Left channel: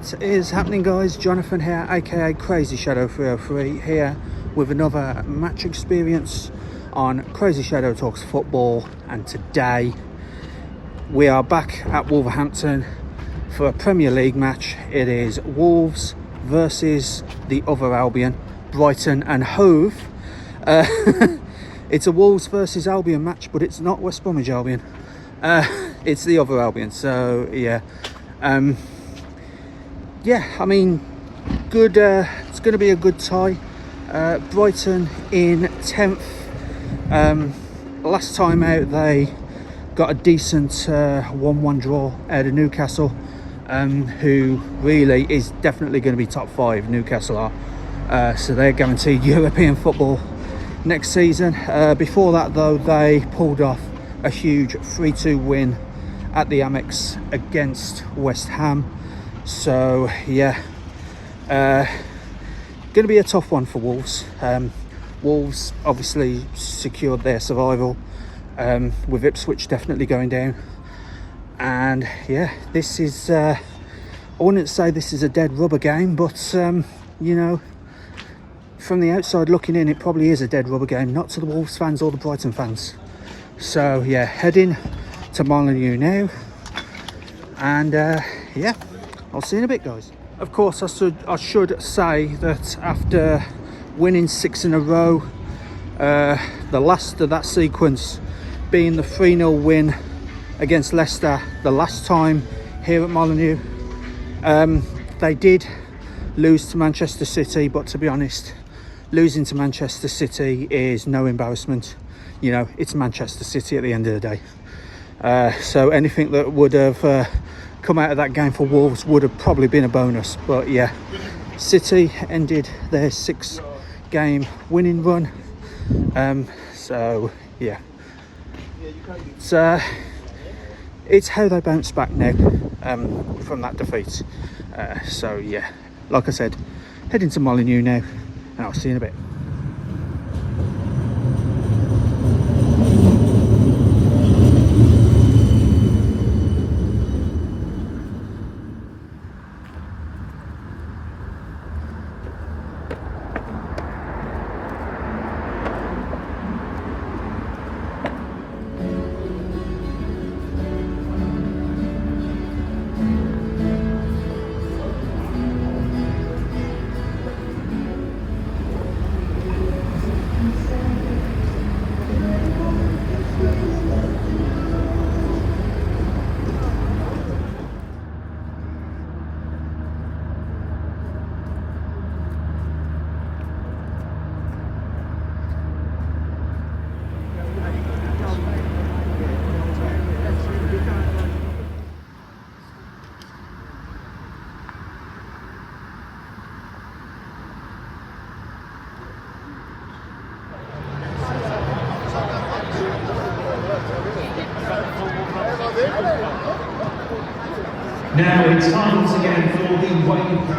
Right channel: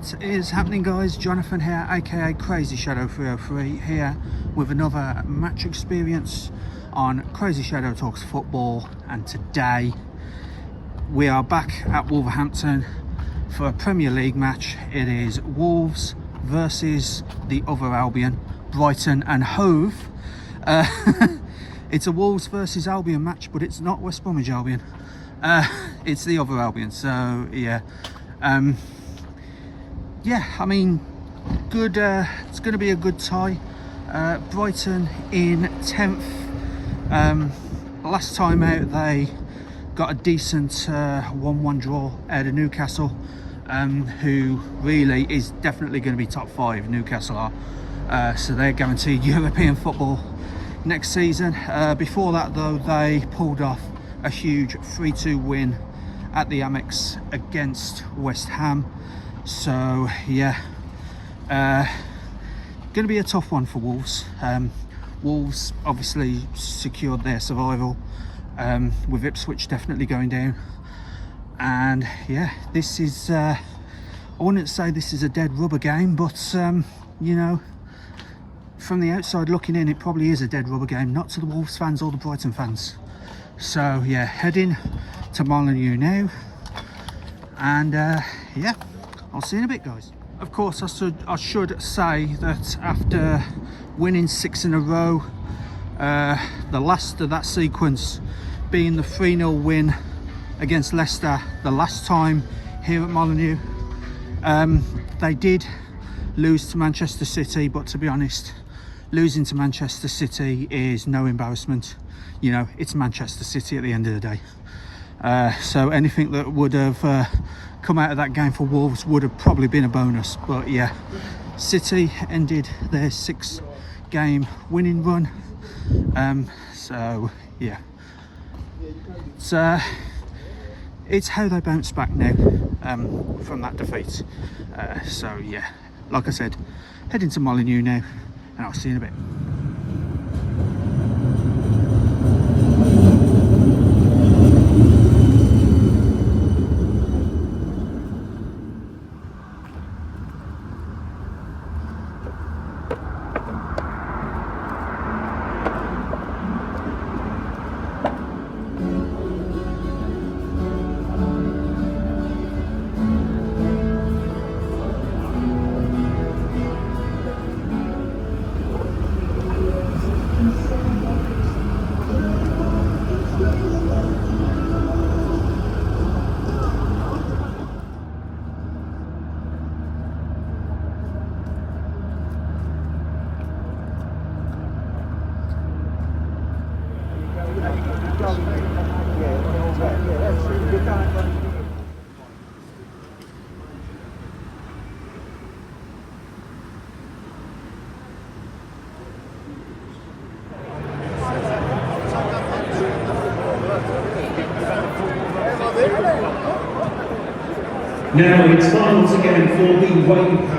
What is happening, guys? Jonathan here, aka Crazyshadow 303, here with another match experience on Crazyshadow Talks Football. And today we are back at Wolverhampton for a Premier League match. It is Wolves versus the other Albion, Brighton and Hove. It's a Wolves versus Albion match, but it's not West Bromwich Albion. It's the other Albion. So yeah. Yeah, I mean, good. It's going to be a good tie. Brighton in 10th. Last time out, they got a decent 1-1 draw out of Newcastle, who really is definitely going to be top 5. Newcastle are, so they're guaranteed European football next season. Before that, though, they pulled off a huge 3-2 win at the Amex against West Ham. So yeah, going to be a tough one for Wolves. Wolves obviously secured their survival, with Ipswich definitely going down. And yeah, this is, I wouldn't say this is a dead rubber game, but you know, from the outside looking in, it probably is a dead rubber game, not to the Wolves fans or the Brighton fans. So yeah, heading to Molineux now, and yeah, I'll see you in a bit, guys. Of course, I should say that after winning 6 in a row, the last of that sequence being the 3-0 win against Leicester the last time here at Molineux. They did lose to Manchester City, but to be honest, losing to Manchester City is no embarrassment. You know, it's Manchester City at the end of the day. So anything that would have come out of that game for Wolves would have probably been a bonus. But yeah, City ended their 6-game winning run. So yeah, it's how they bounce back now from that defeat. So yeah, like I said, heading to Molineux now, and I'll see you in a bit. Now it's time once again for the Welbeck.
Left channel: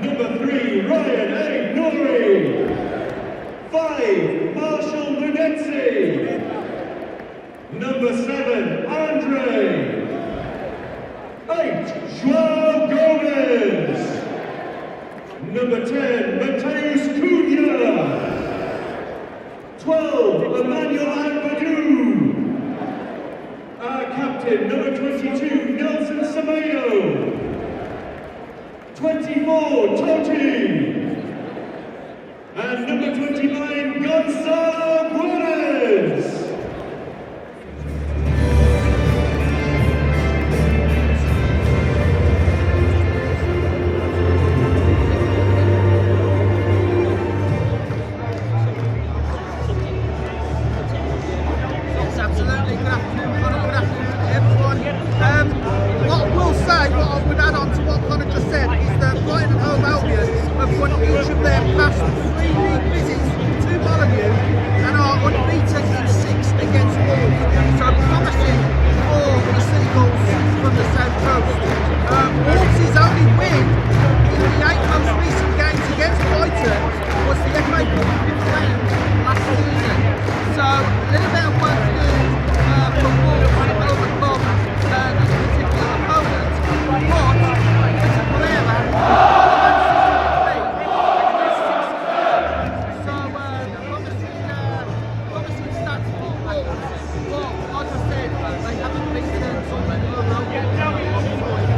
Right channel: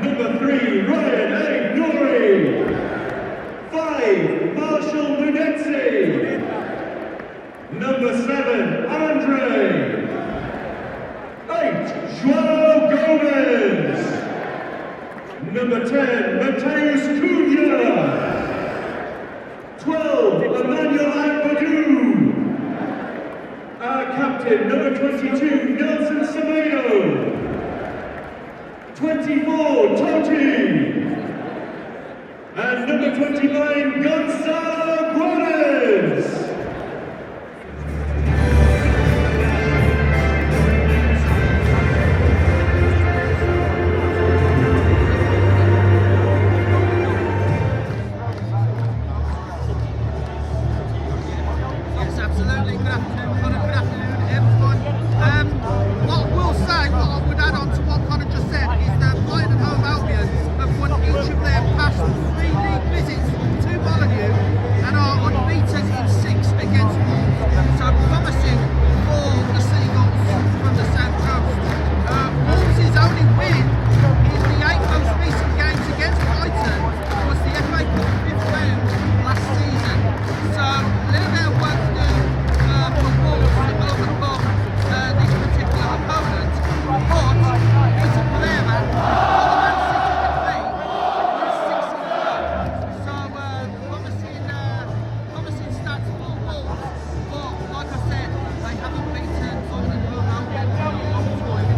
Number 3, Ryan Agnori. 5, Marshall Lunetzi. Number 7, Andre. 8, Joao Gomez. Number 10, Mateus Cunha. 12, Emmanuel Agbadou. Our captain, number 22, Nelson Semedo. 24, Toti. And number 29, Gonzalo Guarez. What I will say, what I would add on to what Connor just said, is that Brighton and Hove Albion have won each of their past 3 league visits to Molineux and are unbeaten in 6 against Wolves. So promising for the Seagulls from the south coast. Wolves' only win in the 8 most recent games against Brighton was the FA Cup 5th round last season. So a little bit of work to do for Wolves to overcome this particular opponent, but Peter Pereira got the Man City defeat with 6-0. So promising stats for Wolves, but like I said, they haven't beaten Brighton or Albion in a long time.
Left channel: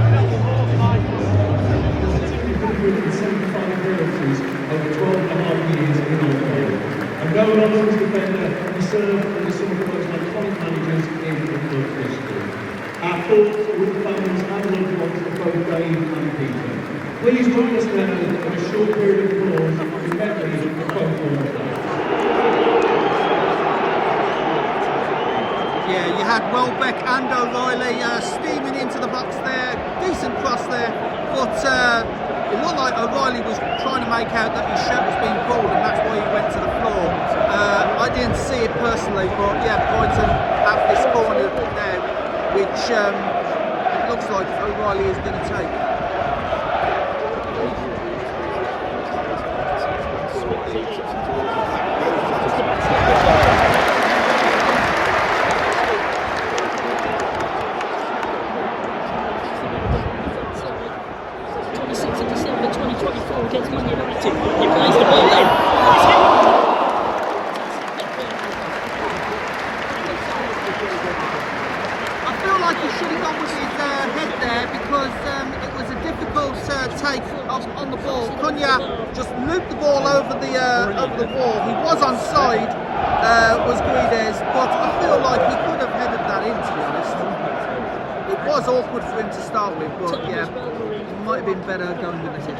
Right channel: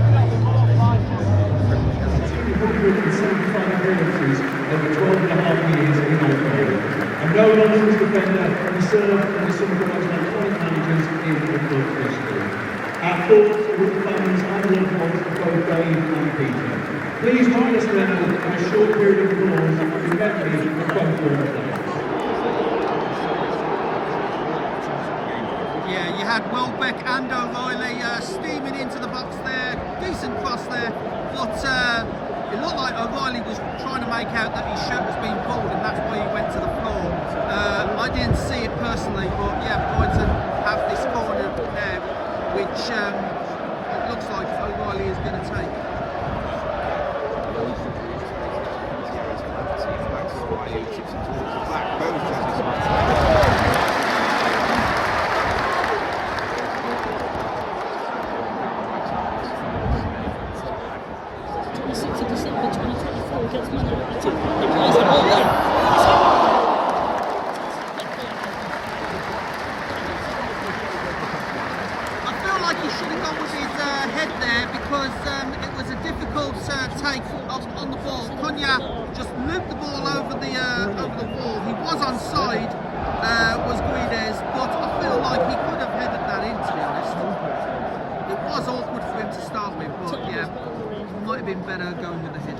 275 appearances over 12.5 years in Albion. A no-nonsense defender, he served as some of the most iconic managers in the club history. Our thoughts with fans and loved ones of both Dave and Peter. Please join us now in a short period of applause in memory of both former players. Yeah, you had Welbeck and O'Reilly steaming into the box there. Decent cross there, but it looked like O'Reilly was trying to make out that his shirt was being pulled, and that's why he went to the floor. I didn't see it personally, but yeah, Brighton have this corner now, which looks like O'Reilly is going to take. I feel like he should have gone with his head there, because it was a difficult take on the ball. Cunha just looped the ball over the wall. He was onside, was Guedes, but I feel like he could have headed that in, to be honest. It was awkward for him to start with, but yeah, it might have been better going with the head.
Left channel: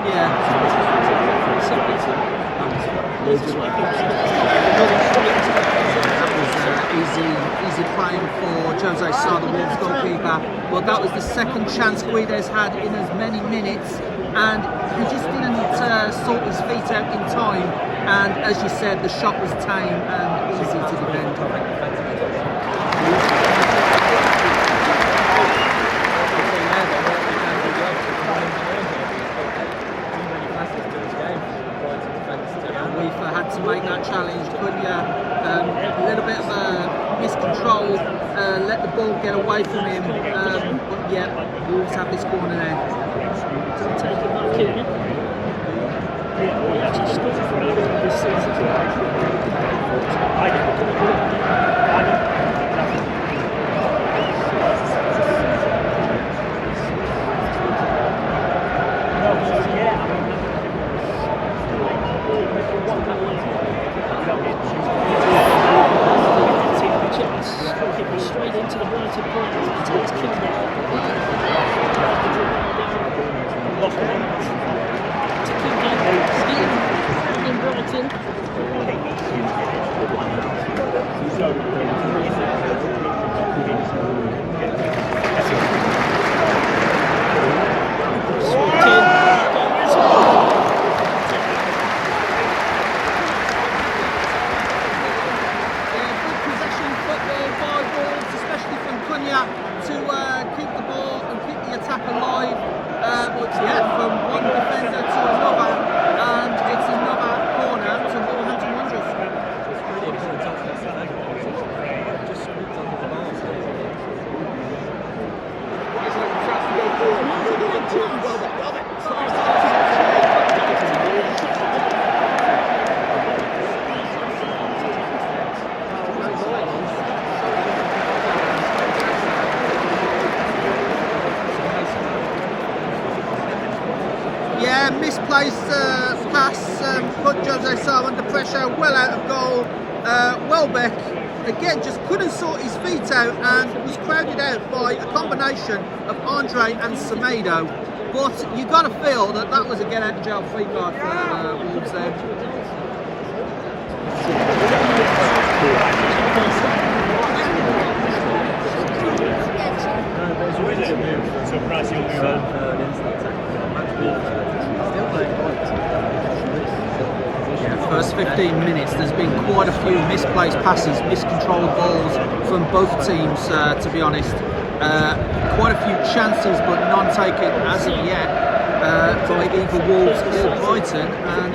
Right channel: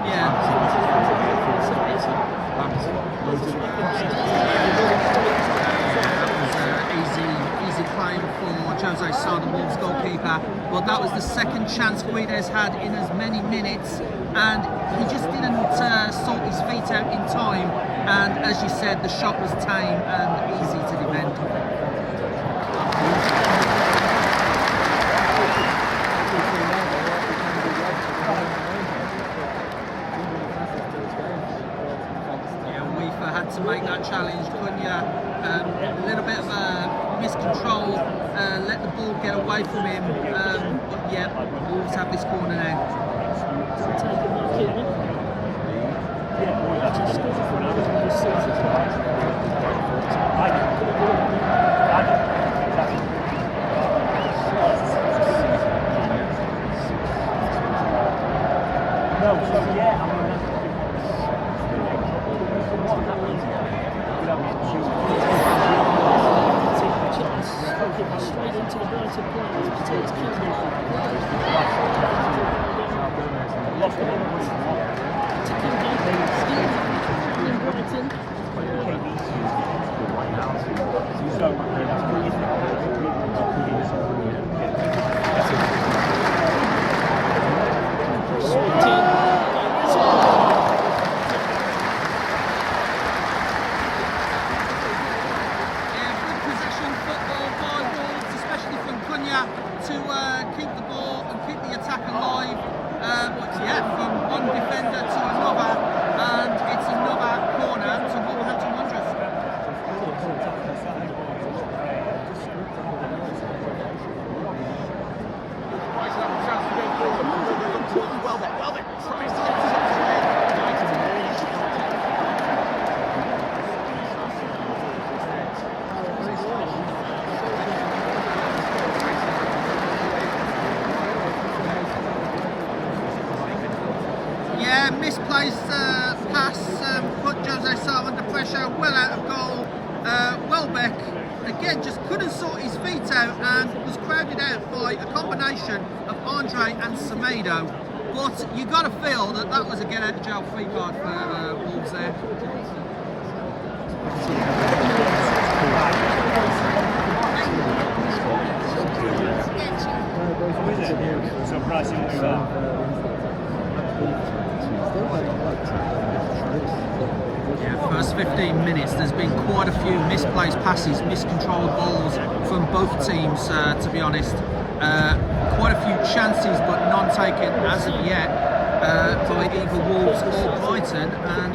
Yeah, that was easy playing for Jose Sá, the Wolves goalkeeper. Well, that was the second chance Guedes had in as many minutes, and he just didn't sort his feet out in time. And as you said, the shot was tame and easy to defend. Had to make that challenge. Cunha, a little bit of a miscontrol, let the ball get away from him, but yeah, Wolves have this corner now. To keep the ball and keep the attack alive, but yeah, from one defender to another, and it's another corner to Wolverhampton Wanderers. Yeah, misplaced pass put Jose Sa under pressure, well out of goal. Welbeck again just couldn't sort his feet out and was crowded out by a combination of Andre and Semedo. But you got to feel that that was a get out of jail free card for Wolves there. Yeah, first 15 minutes there's been quite a few misplaced passes, miscontrolled balls from both teams, to be honest. Quite a few chances but none taken as of yet by either Wolves or Brighton, and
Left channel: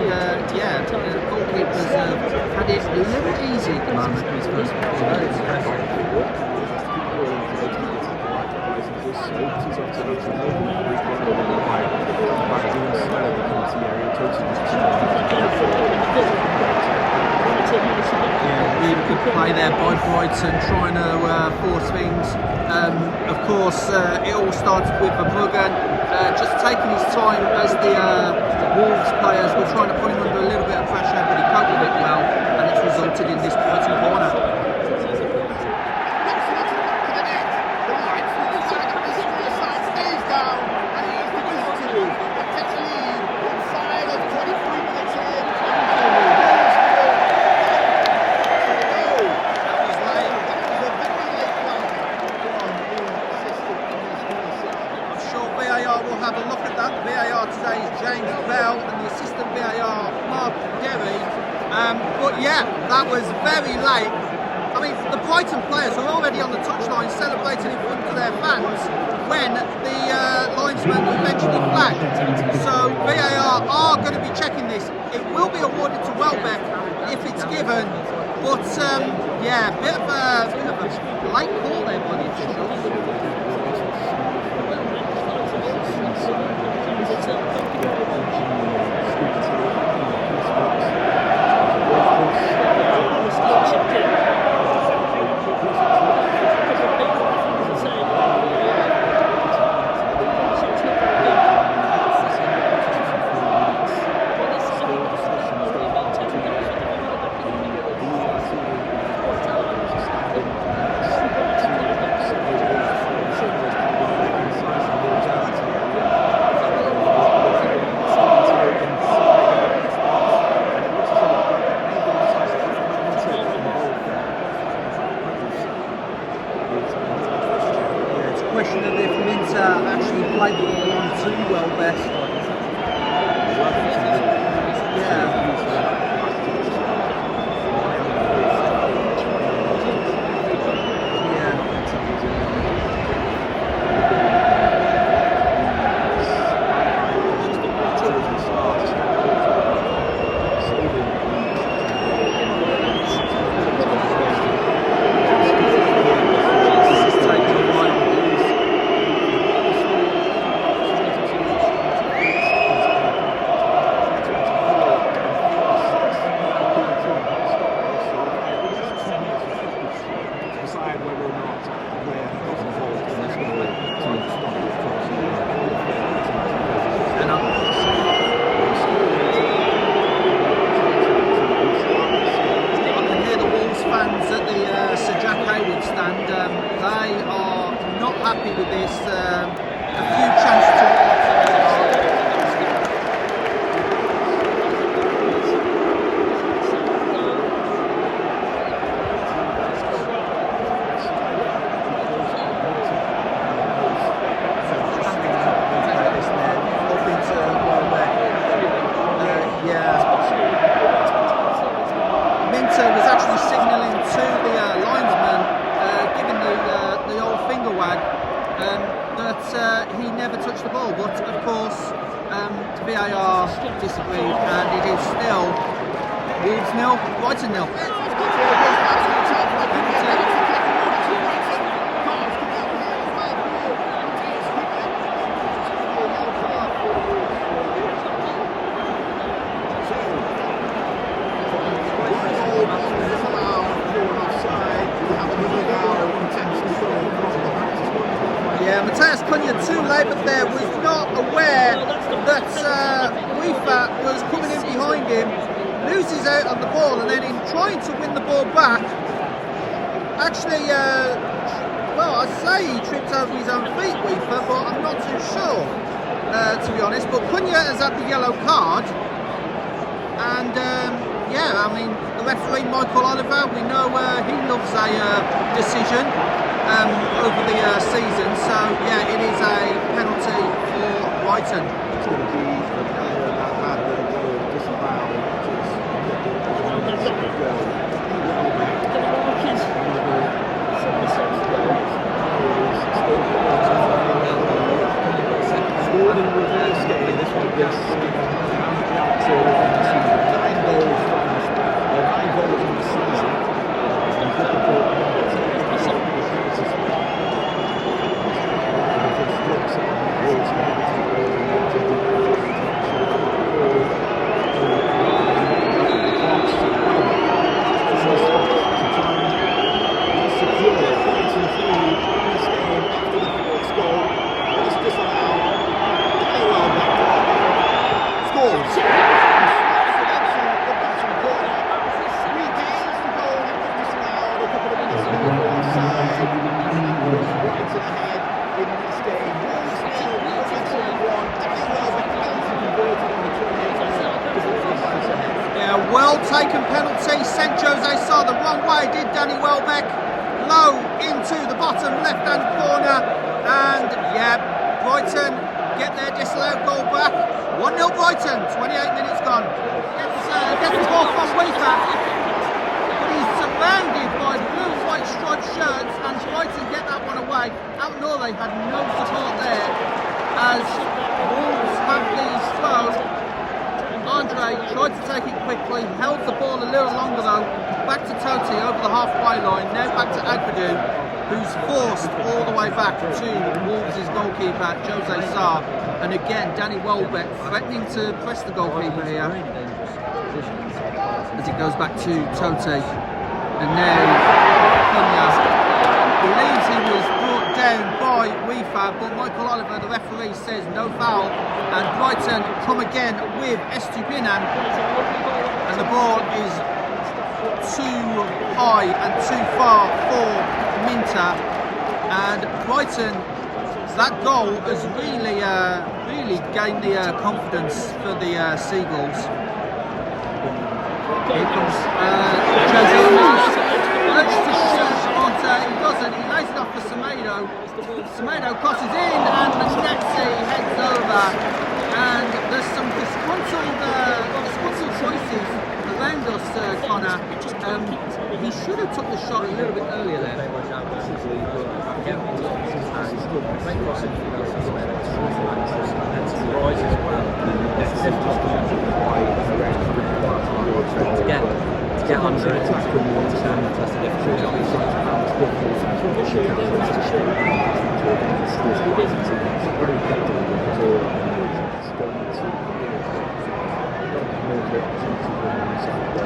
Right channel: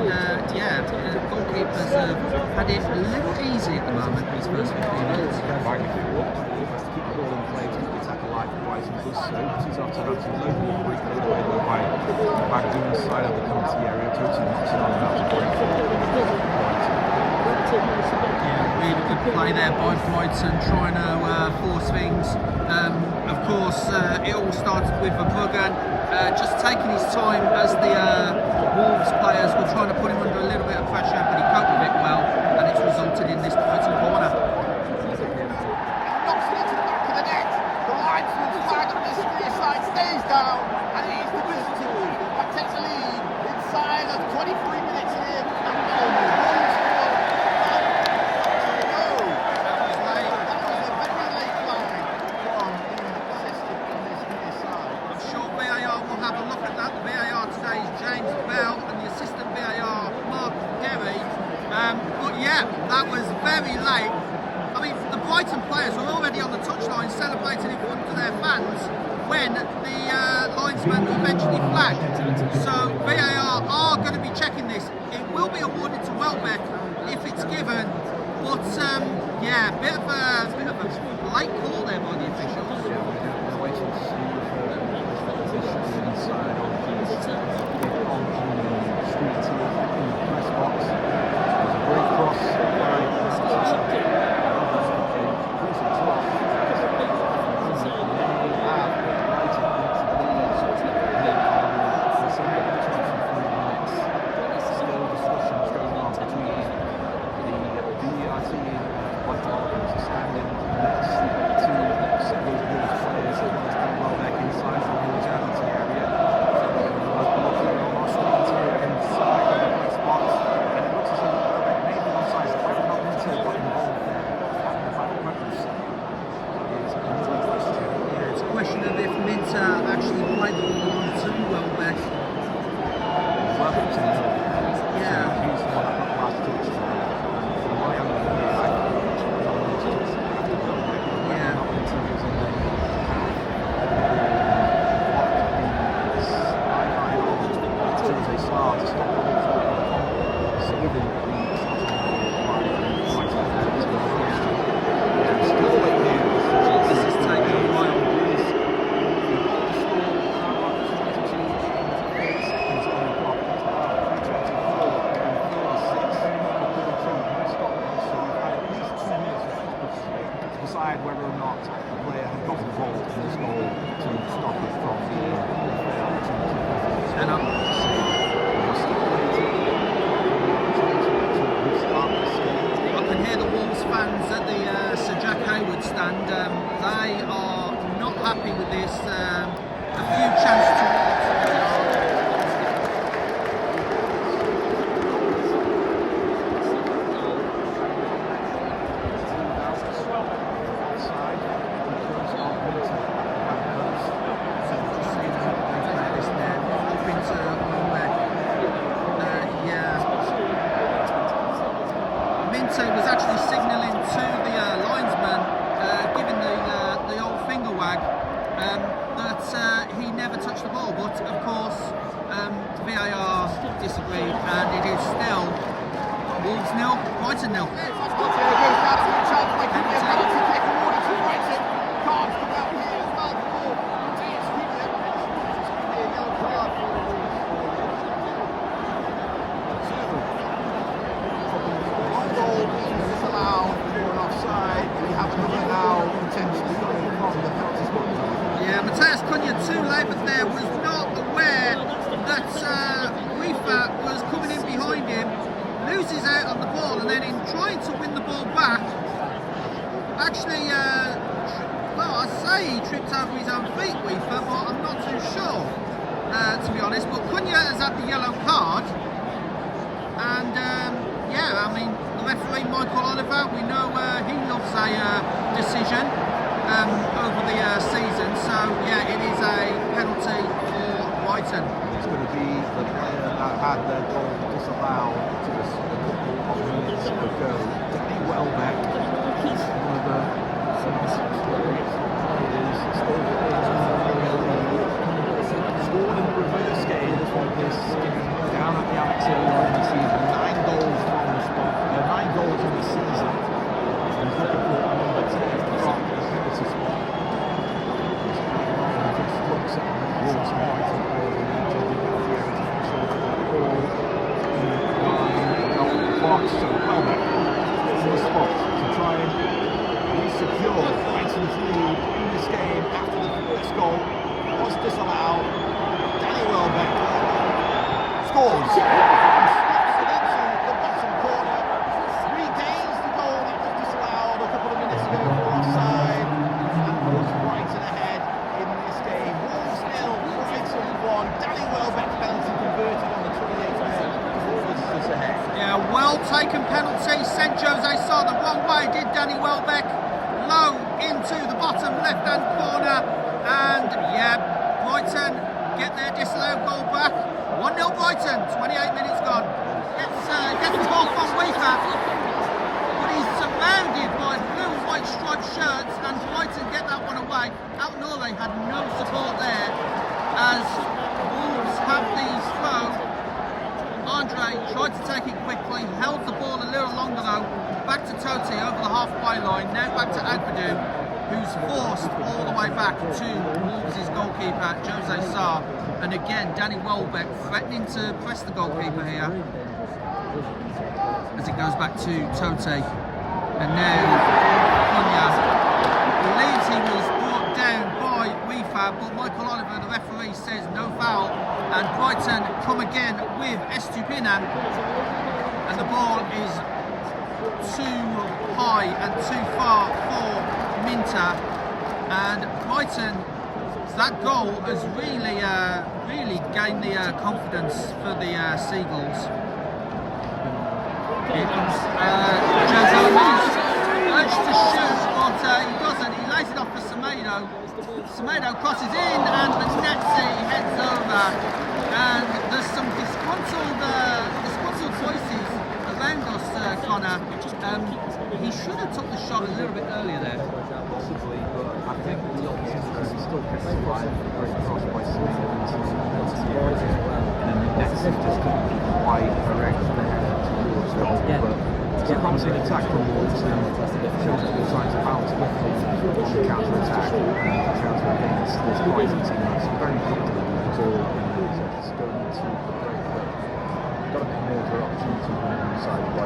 goalkeepers have had it a little easy at the moment these first 15 minutes. Yeah, really good play there by Brighton, trying to force things. Of course, it all started with Verbruggen just taking his time as the Wolves players were trying to put him under a little bit of pressure, but he coped with it well, and it's resulted in this Brighton corner. Have a look at that. VAR today is James Bell and the assistant VAR Mark Derry. But yeah, that was very late. I mean, the Brighton players were already on the touchline celebrating in front of their fans when the linesman eventually flagged. So VAR are going to be checking this. It will be awarded to Welbeck if it's given. But yeah, bit of a late call there by the officials. Question of if Minter actually played the ball on too well best. Yeah. Stand, they are not happy with this. A few chances towards up into Welbeck. Minter was actually signalling to the linesman, giving the old finger wag, that he never touched the ball, but of course VAR disagreed, and it is still Wolves 0, Brighton 0. Yeah, Matthias Cunha too late, but there was not aware that Weaver was coming in behind him, loses out on the ball, and then in trying to win the ball back, actually, well, I'd say he tripped over his own feet, Weaver, but I'm not too sure, to be honest. But Cunha has had the yellow card, and yeah, I mean, the referee, Michael Oliver, we know he loves a decision over the season, so yeah, it is a penalty for Brighton. It's going to be the player that had their goal disallowed just a couple of minutes ago. Welbeck, scored in reverse games like this, up to the season. 9 goals from the 9 goals on the season. He's looking for number 10 to stop the penalty spot. Just looks at Wolves penalty early on to the ball the box to Welbeck from the spot to try and secure Brighton's lead in this game after the first goal was disallowed. Danny Welbeck scores and slaps it into the bottom corner. Regains the goal that was disallowed a couple of minutes ago for offside. Brighton ahead in this game. Wolves nil, Brighton 1. Danny Welbeck penalty converted on the 28th minute. Yeah, well taken penalty. Sent Jose Sa the wrong way, did Danny Welbeck. Low into the bottom left-hand corner, and yeah, Brighton get their disallowed goal back. 1-0 Brighton, 28 minutes gone. Gets the ball from Weaver, but he's surrounded by blue and white striped shirts, and Brighton get that one away. Albion had no support there, as Wolves have the throw. Andre tried to take it quickly, held the ball a little longer though. Back to Totti over the halfway line, now back to Agbadou, who's forced all the way back to Wolves' goalkeeper, Jose Sa. And again, Danny Welbeck threatening to press the goalkeeper here, as it goes back to Totti. And now Cunha believes he was brought down by Weaver, but Michael Oliver, the referee, says no foul, and Brighton come again with Estupinan, and the ball is too high and too far for Minter, and Brighton, that goal has really gained the confidence for the Seagulls. Here comes Jose, urged to shoot, but he doesn't. He lays it off for Semedo. Semedo crosses in, and Manetzi heads over. And there's some disgruntled voices around us, Connor. He should have took the shot a little bit earlier there. Possibly, but I think the opportunity is still line to get crossed by someone and Manetzi just got quite correct towards goal. But it's once an attack from Wolves and shows that they're trying to bounce quickly on the counter-attack to against this Brighton team that's very comfortable with the ball and it's going to more of the opportunity than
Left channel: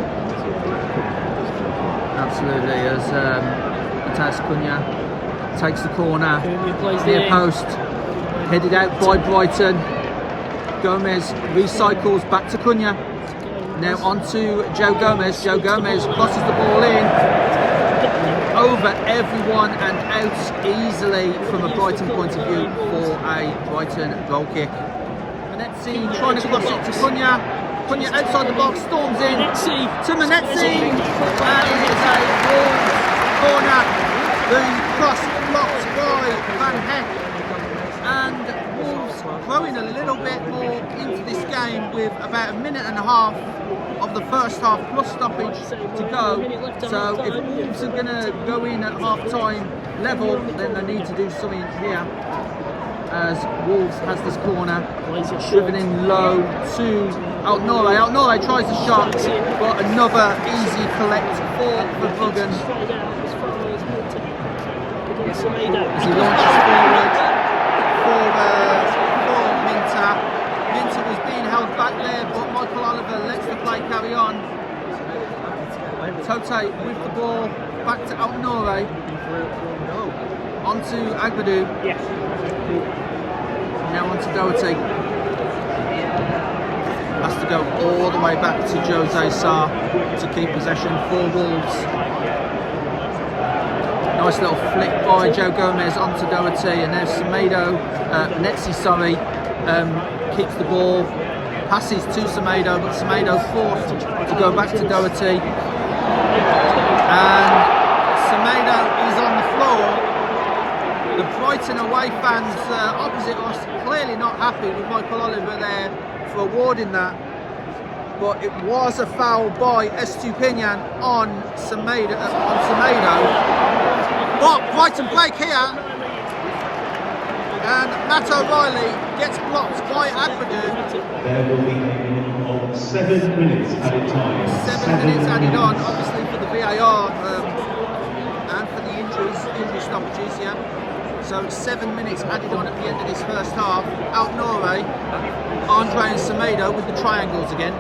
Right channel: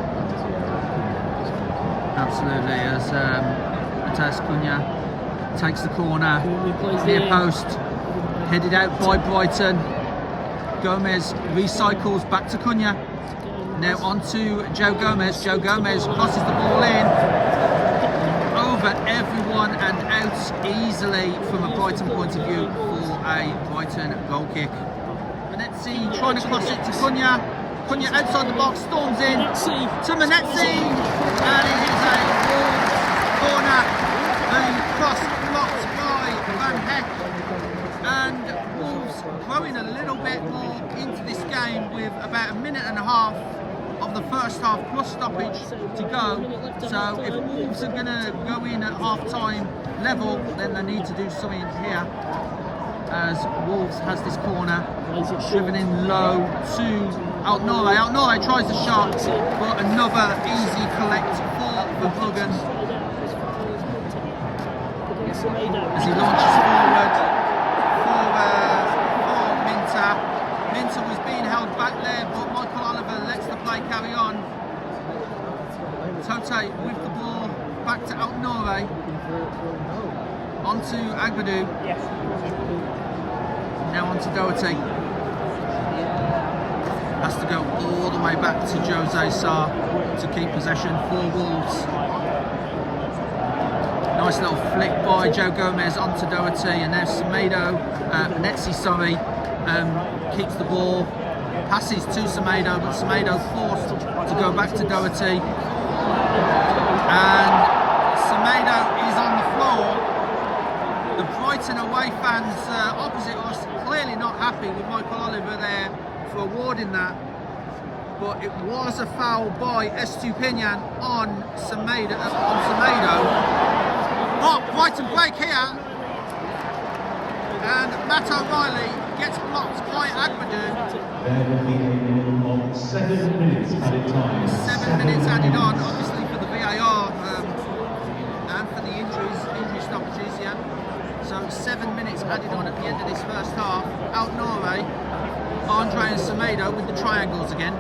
on the side of Absolutely, as Matthias Cunha takes the corner, near post, headed out by Brighton. Gomez recycles back to Cunha. Now on to Joe Gomez. Joe Gomez crosses the ball in, over everyone and out easily from a Brighton point of view for a Brighton goal kick. Manetzi trying to cross it to Cunha. Cunha outside the box, storms in to Manetzi, and it is a Wolves corner. The cross blocked by Van Heck, and Wolves growing a little bit more into this game with about a minute and a half of the first half plus stoppage to go. So if Wolves are going to go in at half-time level, then they need to do something here, as Wolves has this corner driven in low to Altnore. Altnore tries the shot, but another easy collect for Verbruggen as he launches forward for Minter. Minter was being held back there, but Michael Oliver lets the play carry on. Totti with the ball back to Altnore. onto Agbadou. Now onto Doherty. Has to go all the way back to Jose Sarr to keep possession for Wolves. Nice little flick by Joe Gomez onto Doherty, and there's Venezzi, keeps the ball, passes to Semedo, but Semedo forced to go back to Doherty, and Semedo is on the floor. The Brighton away fans opposite us clearly not happy with Michael Oliver there for awarding that, but it was a foul by Estupinian on Semedo. But Brighton break here, and Matt O'Reilly gets blocked by Agbadou. There will be 7 minutes added time. 7 minutes added on, obviously for the VAR and for the injury stoppages, yeah. So 7 minutes added on at the end of this first half. Out Norre, Andre and Semedo with the triangles again.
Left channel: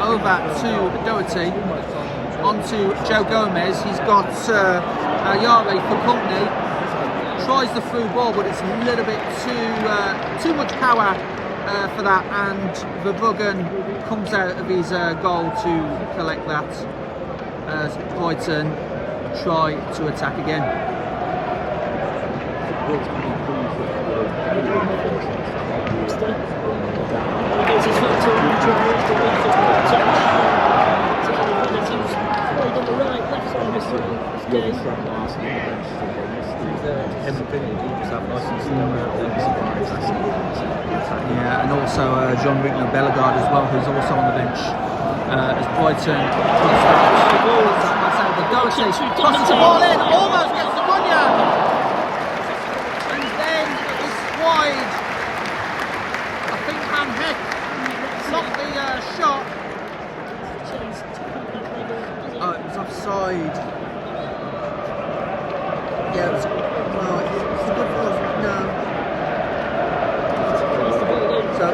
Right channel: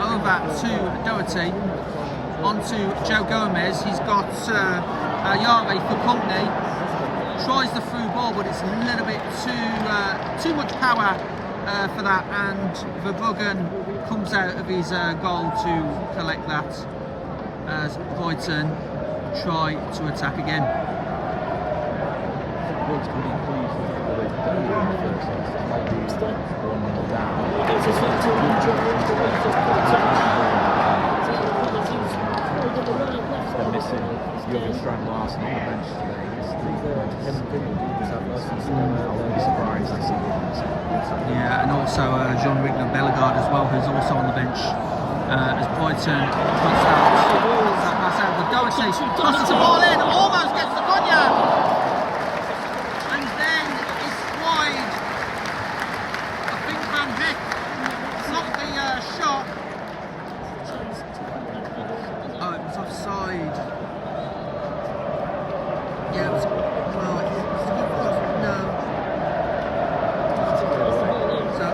Over to Doherty, onto Joe Gomez. He's got Ayare for company. Tries the through ball, but it's a little bit too much power for that, and Verbruggen comes out of his goal to collect that as Brighton try to attack again. Yeah, and also John Rickner-Bellegarde as well, who's also on the bench, as Brighton puts that pass out. But Doherty tosses the ball in, almost gets the Cunha, and then it's wide. I think Van Heck blocked the shot. Oh, it was offside. Yeah, it was. Well, it's a good cross. No. So.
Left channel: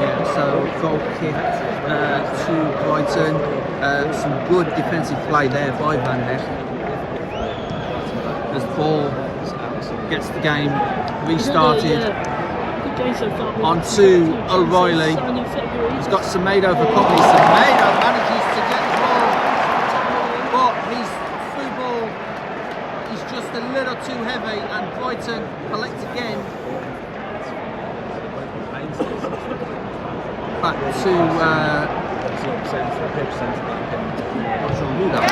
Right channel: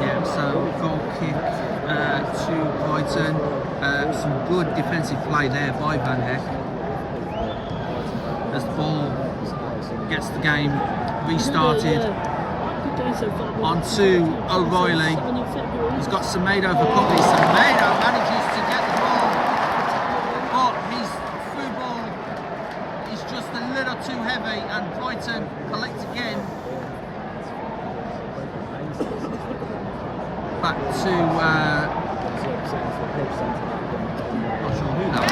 Yeah, so goal kick to Brighton. Some good defensive play there by Van Heck. As the ball gets the game restarted. Onto O'Reilly. He's got Semedo for company. Semedo manages to get the ball, but his through ball is just a little too heavy, and Brighton collect again. Back to not sure who that was.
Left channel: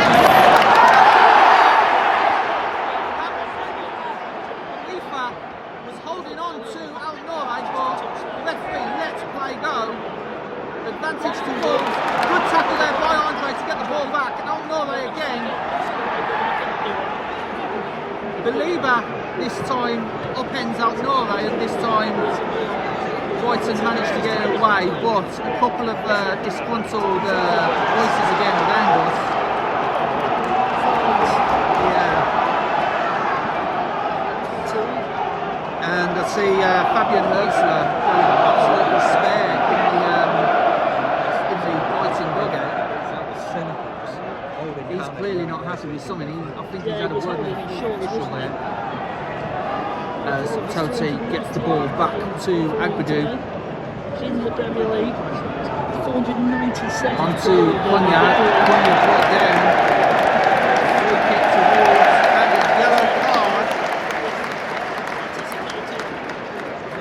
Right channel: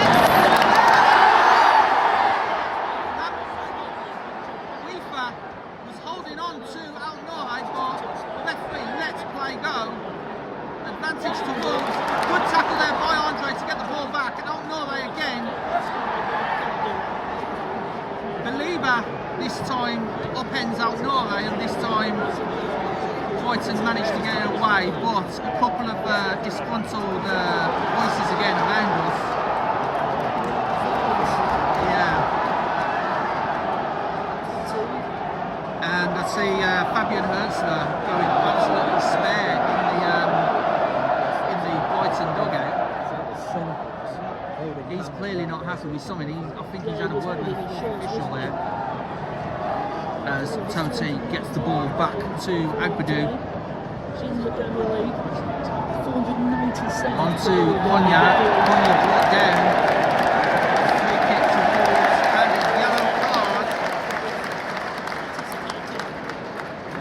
Was holding on to Al Norre, but the referee lets play go. Advantage to Wolves. Good tackle there by Andre to get the ball back. Al Norre again. Belieber this time upends Al Norre, and this time Brighton managed to get it away, but a couple of disgruntled voices again around us. Yeah. And I see Fabian Herzler going absolutely spare in the Brighton dugout. He's clearly not happy with something. I think he's had a word with the fourth official there. As Totti gets the ball back to Agbadou. Onto Cunha. Cunha brought down. Free kick to Wolves, and a yellow card.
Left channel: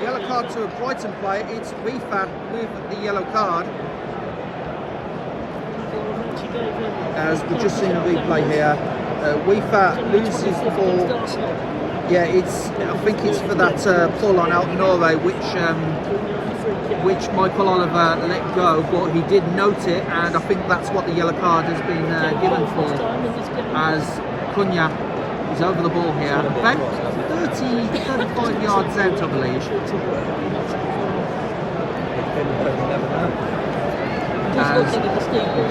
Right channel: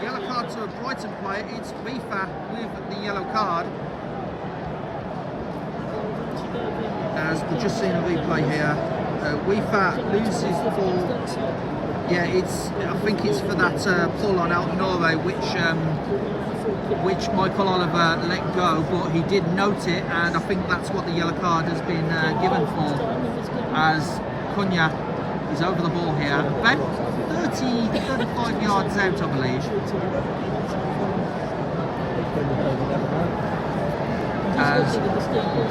Yellow card to a Brighton player. It's Rifa with the yellow card. As we've just seen a replay here, Rifa loses the ball. Yeah, I think it's for that pull on Al Norre, which Michael Oliver let go, but he did note it, and I think that's what the yellow card has been given for. As Cunha is over the ball here, about 35 yards out, I believe. As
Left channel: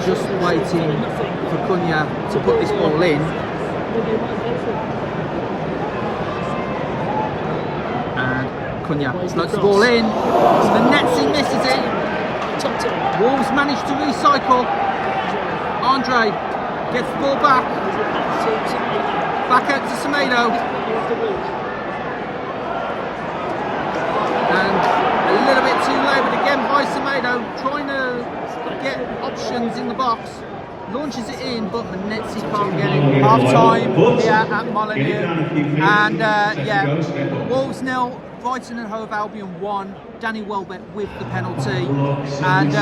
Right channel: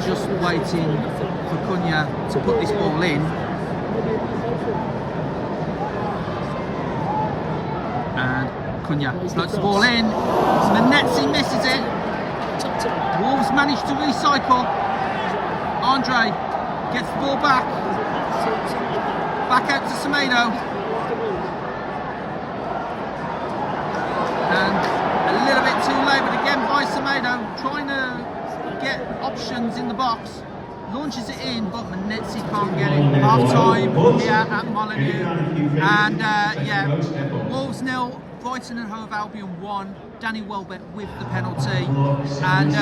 just waiting for Cunha to put this ball in. And Cunha floats the ball in. Venezzi misses it. Wolves managed to recycle. Andre gets the ball back out to Semedo, and a little bit too late, but again by Semedo, trying to get options in the box, launches it in, but Manetzi can't get it. Half time here at Molineux, and yeah, Wolves 0, Brighton and Hove Albion 1. Danny Welbeck with the penalty, and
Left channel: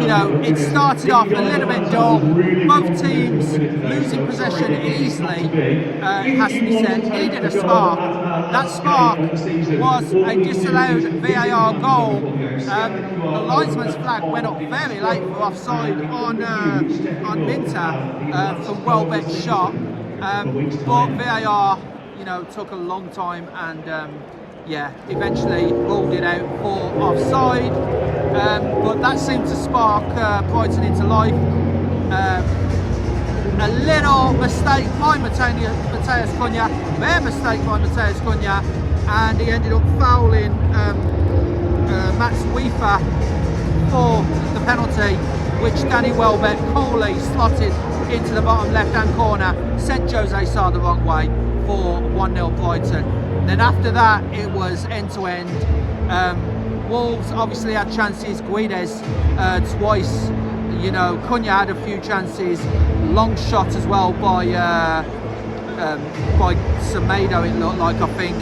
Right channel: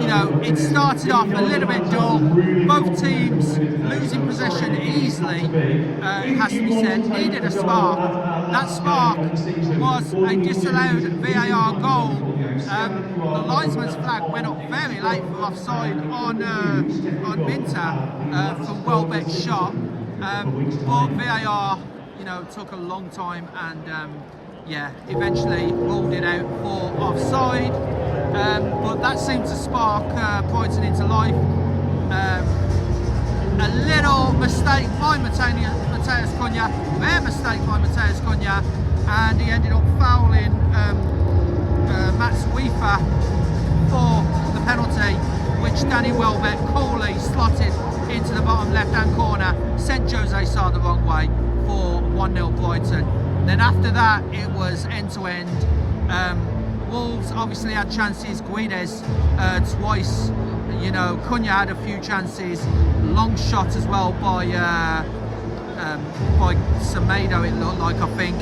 you know, it started off a little bit dull. Both teams losing possession easily. It has to be said, needed a spark. That spark was a disallowed VAR goal. The linesman's flag went up very late for offside on Minter from Welbeck's shot, but VAR, you know, took a long time, and yeah, eventually ruled it out for offside, but that seemed to spark Brighton into life. A little mistake by Mateus Cunha, rare mistake by Mateus Cunha, and he ended up fouling Mats Weaver for the penalty, which Danny Welbeck coolly slotted into the bottom left-hand corner, sent Jose Sarr the wrong way for 1-0 Brighton. Then after that, it was end-to-end. Wolves obviously had chances. Guedes twice. You know, Cunha had a few chances. Long shot as well by Semedo, it looked like, I think.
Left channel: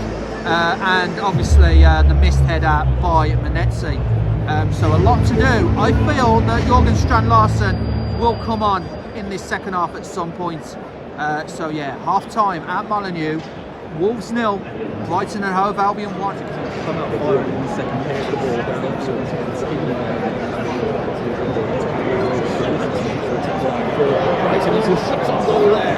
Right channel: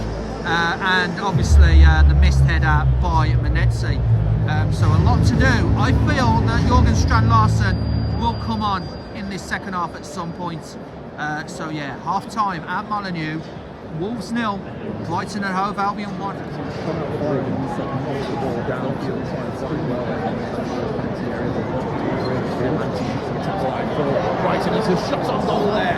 And obviously the missed header by Manetzi. So a lot to do. I feel that Jørgen Strand Larsen will come on in this second half at some point. So yeah, half time at Molineux. Wolves 0, Brighton and Hove Albion 1. Brighton is a shot on goal there.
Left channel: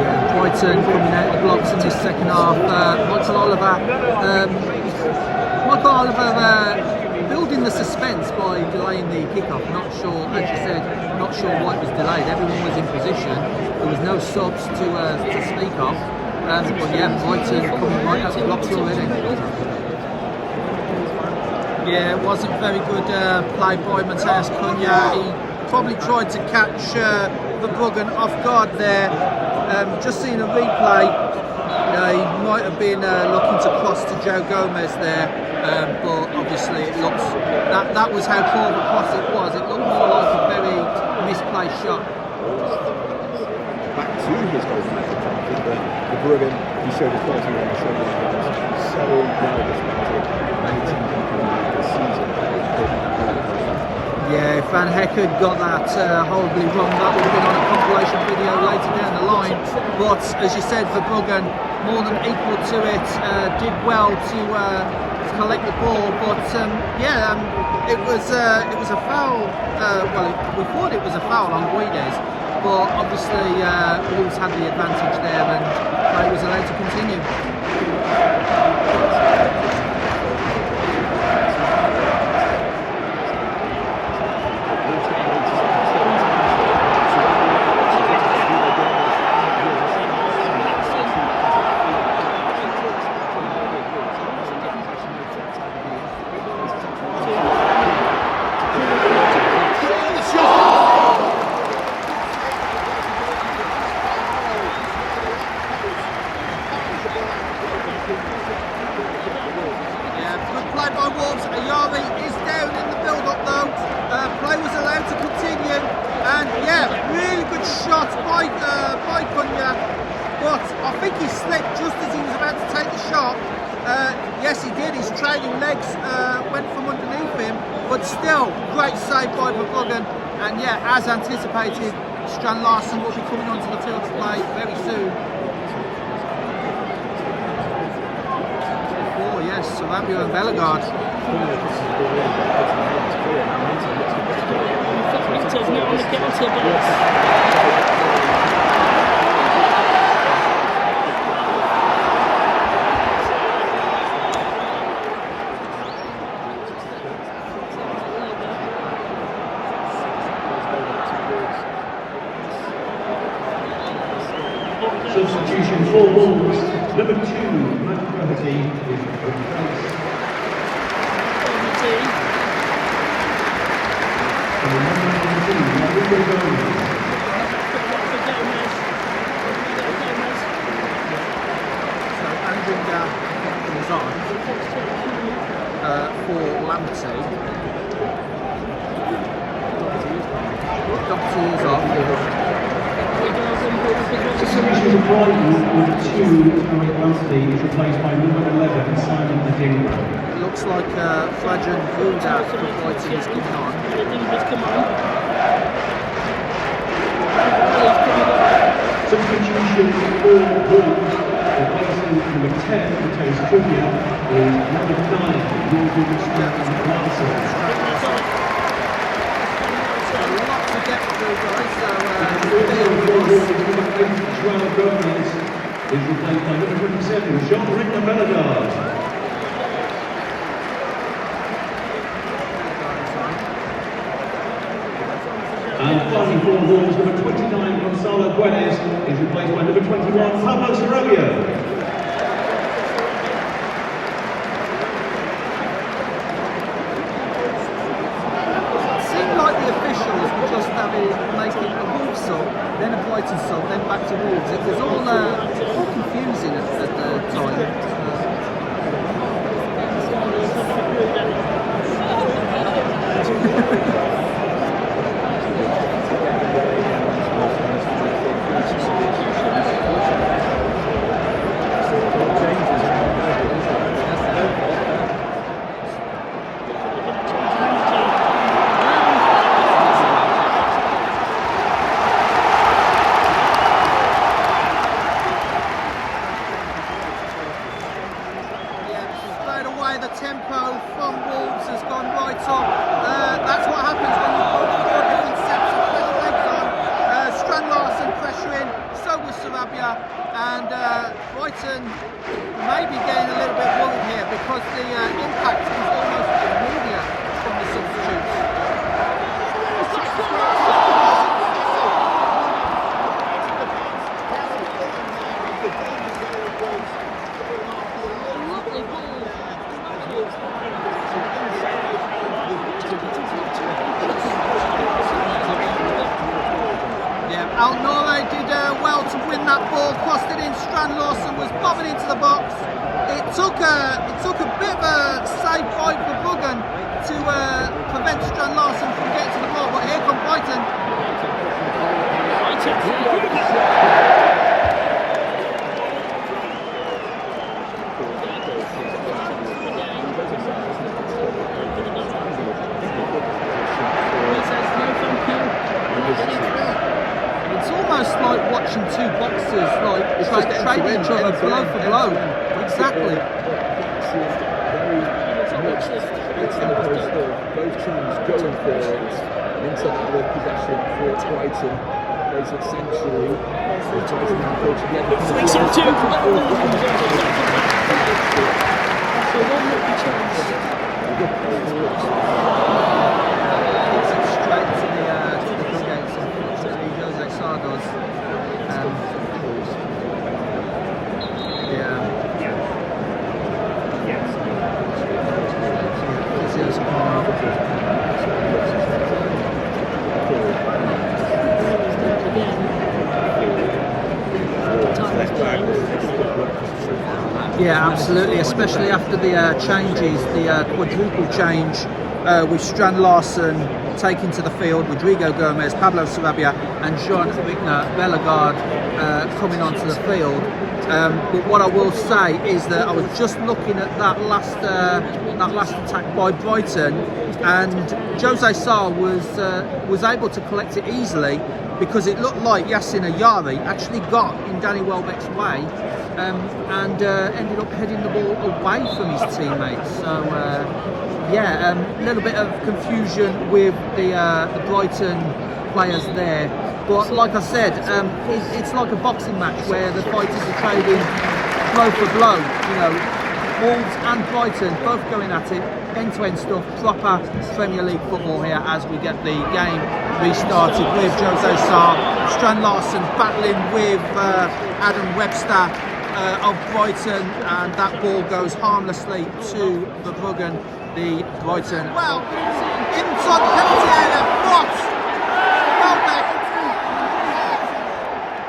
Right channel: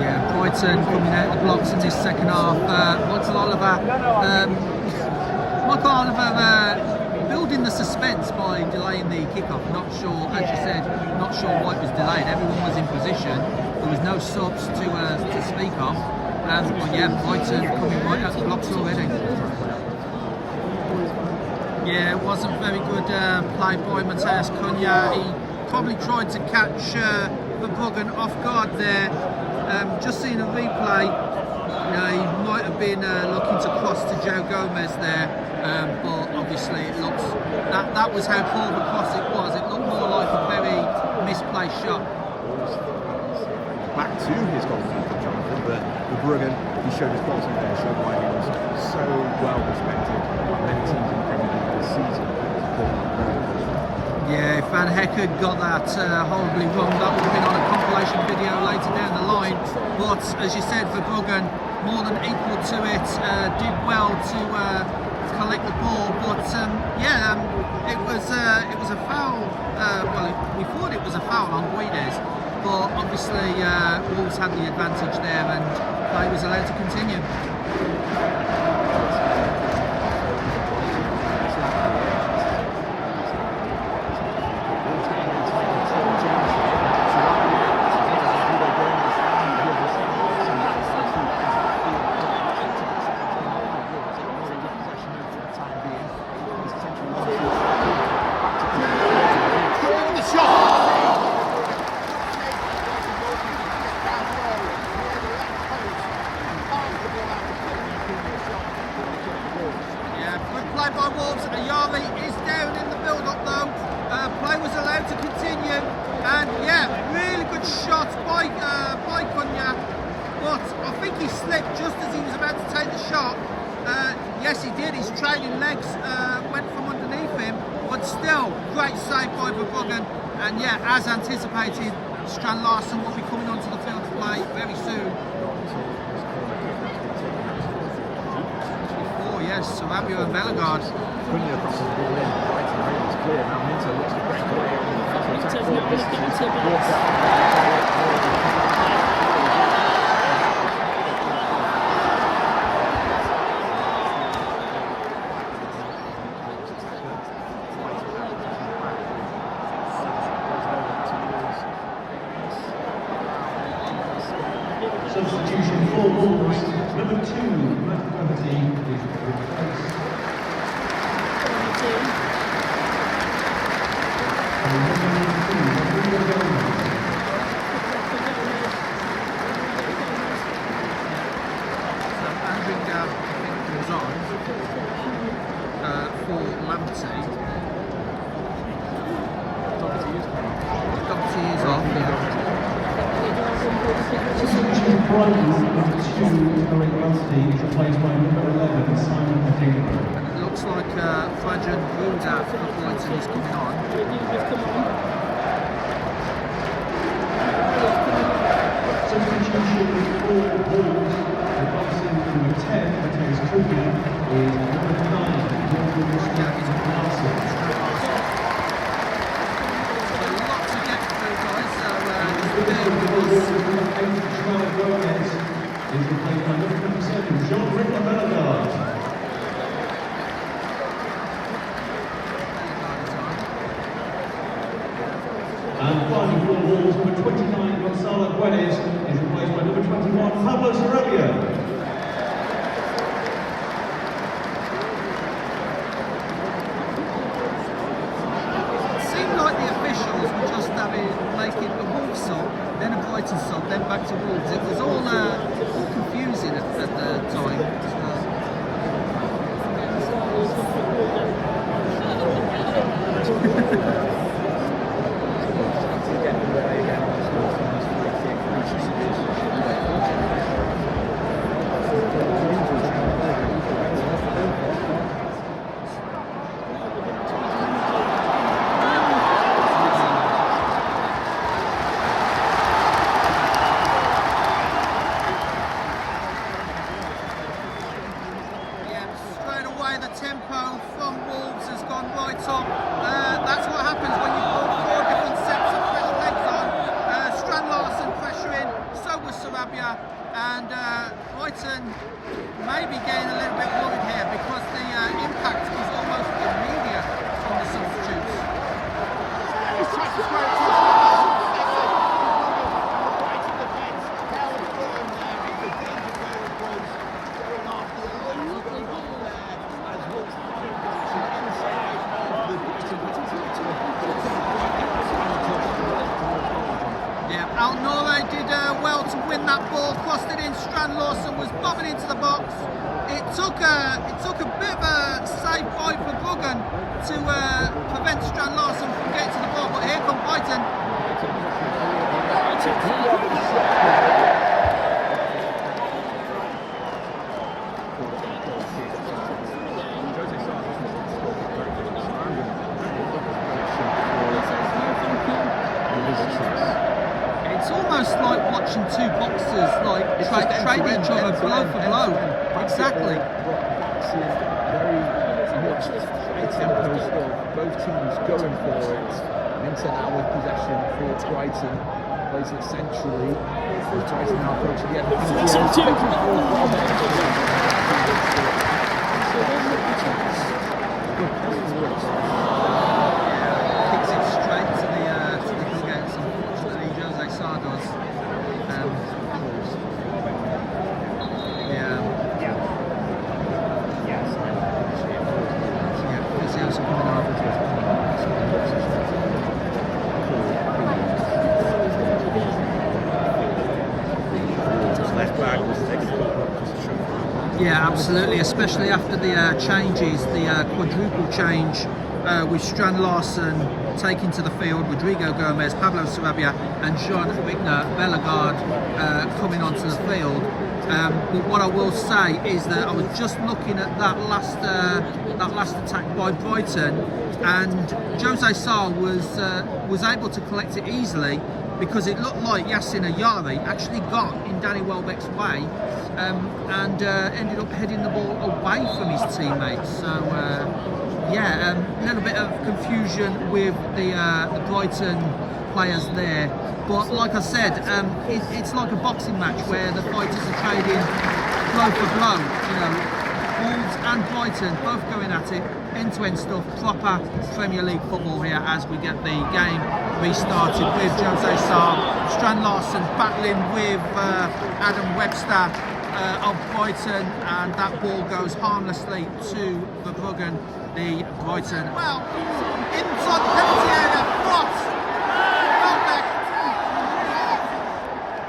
Yeah, Brighton coming out the blocks in this second half. Michael Oliver building the suspense by delaying the kickoff. Not sure, as you said, not sure why it was delayed. Everyone was in position. There was no subs to speak of. But yeah, Brighton coming right out the blocks already. Yeah, it wasn't very good play by Mateus Cunha. He probably tried to catch Verbruggen off guard there. Just seeing a replay, you know, he might have been looking to cross to Joe Gomez there, but obviously it looks that was how poor of a cross it was. It looked more like a very misplaced shot. Back to his goalkeeper, Jonathan. Verbruggen, he showed his quality when he showed one who was so well respected. Many teams in the Premier League this season. Yeah, if Van Hekken got that horribly wrong, that would have been on a compilation video later down the line. But as you said, Verbruggen more than equal to it, did well to collect the ball. But it was a foul. We thought it was a foul on Guedes, but obviously Wolves had the advantage there, and play was allowed to continue. Yes, he did. His trailing legs went from underneath him, but still, great save by Verbruggen. And yeah, as anticipated, Strand Larsen will be coming onto the field to play very soon. Oh yes, Sarabia and Bellegarde. Substitution for Wolves, number 2, Matchday is replaced. So Andringa comes on for Lamptey. Doherty is off, yeah. Substitution for Brighton, number 2, Matchday is replaced by number 11, Simon Medina. It looks like Frajan Buda for Brighton is coming on. Substitution for Wolves, replacing number 10, Matthäus Tribune, is number 9, A lot to get through, guys, so bear with us. Is replaced by number 57, Jean-Richard Bellegarde. And finally for Wolves, number 29, Gonzalo Guedes, is replaced by number 21, Pablo Sarabia. Seemed like the officials were just making a Wolves sub, then a Brighton sub, then back to Wolves. It was all confusing at the time. Straight away the tempo from Wolves has gone right up. That's what happens when you put 4 different sets of fresh legs on. Strand Larsen pressuring, so was Sarabia, and Brighton may be getting a little bit worried here because the impact is almost immediate from the substitutes. Yeah, Al-Nouri did well to win that ball, crossed it in. Strand Larsen was bobbing into the box. It took a bit of a safe fight for Bruggen to prevent Strand Larsen from getting to the ball, but here come Brighton. It's almost like watching two boxers like trade each other blow for blow. Exactly. Very much high tempo stuff. Both teams going forwards. Into our possession for Brighton. Plays it centrally. Brighton now approaching the other Kicks it straight to the dugouts. Unfortunately, Jose Sarr does. Physio's coming on. Yeah, absolutely, especially after the changes, the quadruple change with Strand Larsen taking to the field, Rodrigo Gomez, Pablo Sarabia and Jean-Richard Bellegarde coming onto the field. But what I will say is that I was just looking at that last attack by Brighton, and Jose Sarr was able to collect it easily because it looked like Yassin Ayari actually got in Danny Welbeck's way and ended up heading the ball away from his teammates. So a little bit of confusion with the Brighton players there. But like I said, it's like a boxing match where the fighters are trading blow for blow. You know, Wolves and Brighton both going at it. end-to-end stuff, proper Premier League football here as we get the game restarted with Jose Sarr, Strand Larsen battling with Adam Webster of Brighton, and that ball goes harmlessly to Verbruggen, the Brighton. Well, inside the penalty area, Frost, Welbeck.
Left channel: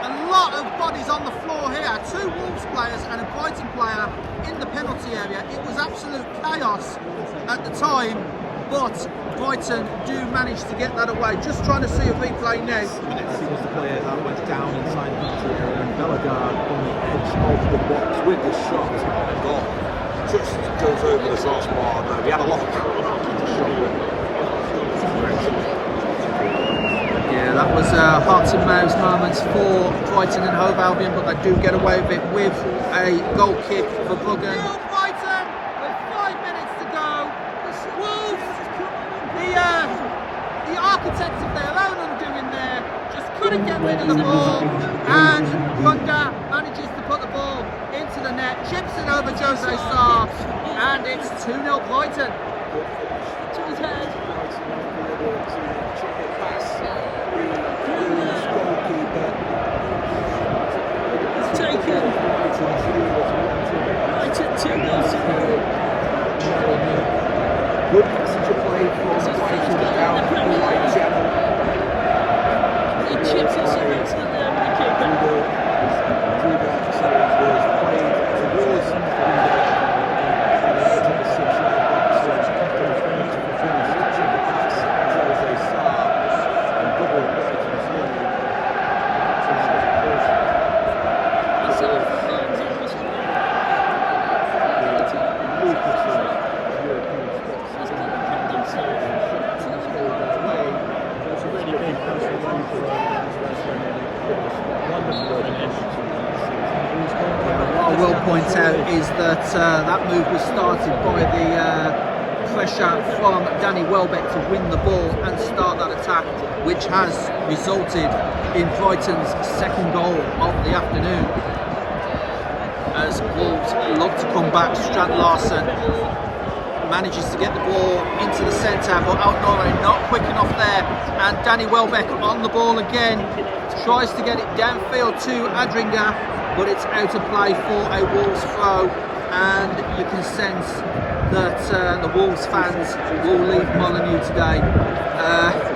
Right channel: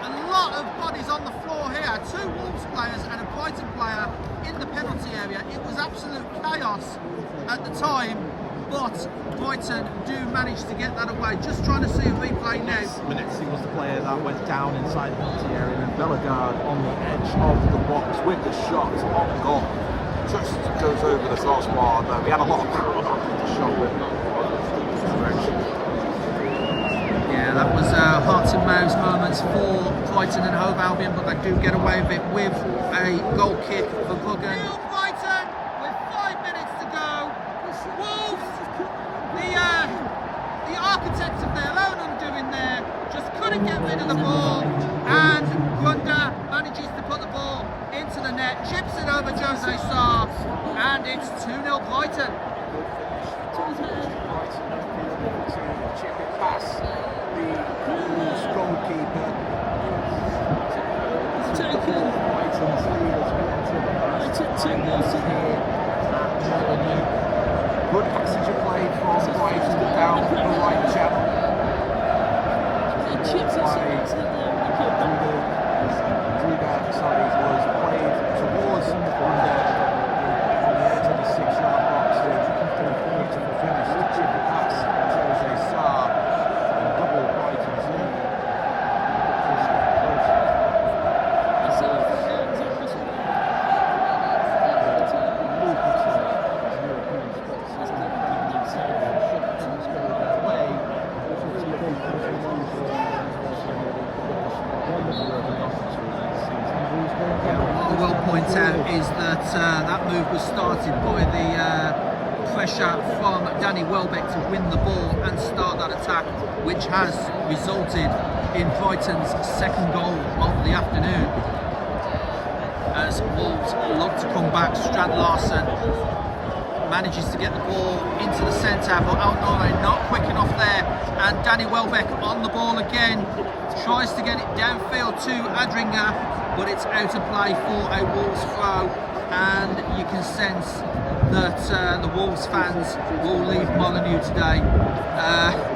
A lot of bodies on the floor here, 2 Wolves players and a Brighton player in the penalty area. It was absolute chaos at the time, but Brighton do manage to get that away. Just trying to see a replay now. He was the player that went down inside the penalty area, and Bellegarde punched over the box with the shot on goal. Just goes over the crossbar. We had a lot of power back in the shot. Yeah, that was hearts and mouths moments for Brighton and Hove Albion, but they do get away with it with a goal kick for Verbruggen. Brighton with 5 minutes to go. Wolves, the architects of their own undoing there, just couldn't get rid of the ball, and Runda manages to put the ball into the net, chips it over Jose Sarr, and it's 2-0 Brighton. Wolves goalkeeper good passage of play from Brighton down the right channel. Was played towards Runda on the edge of the 6-yard box, and did a beautiful finish to chip the pass Jose Sarr and double Brighton's lead. Lucrative European spots in the Premier League table, and should things go their way, it's looking for those people that put the spot in the World Cup this season. Yeah, what I will point out is that that move was started by the pressure from Danny Welbeck to win the ball and start that attack, which has resulted in Brighton's second goal of the afternoon. As Wolves look to come back, Strand Larsen manages to get the ball into the centre, but Outnore not quick enough there, and Danny Welbeck on the ball again, tries to get it downfield to Adringer, but it's out of play for a Wolves throw, and you can sense that the Wolves fans will leave Molineux today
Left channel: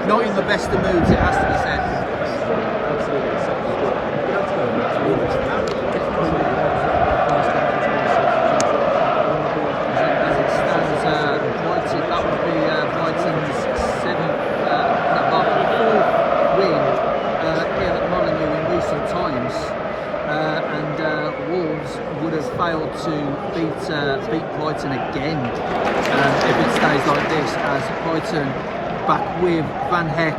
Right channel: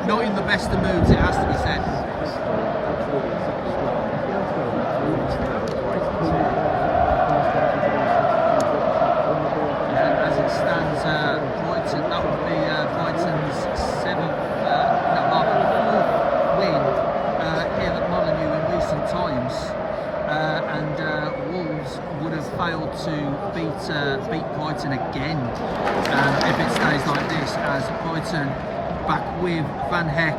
not in the best of moods, it has to be said. As it stands, Brighton, that would be Brighton's 4th win here at Molineux in recent times, and Wolves would have failed to beat Brighton again if it stays like this, as Brighton back with Van Heck,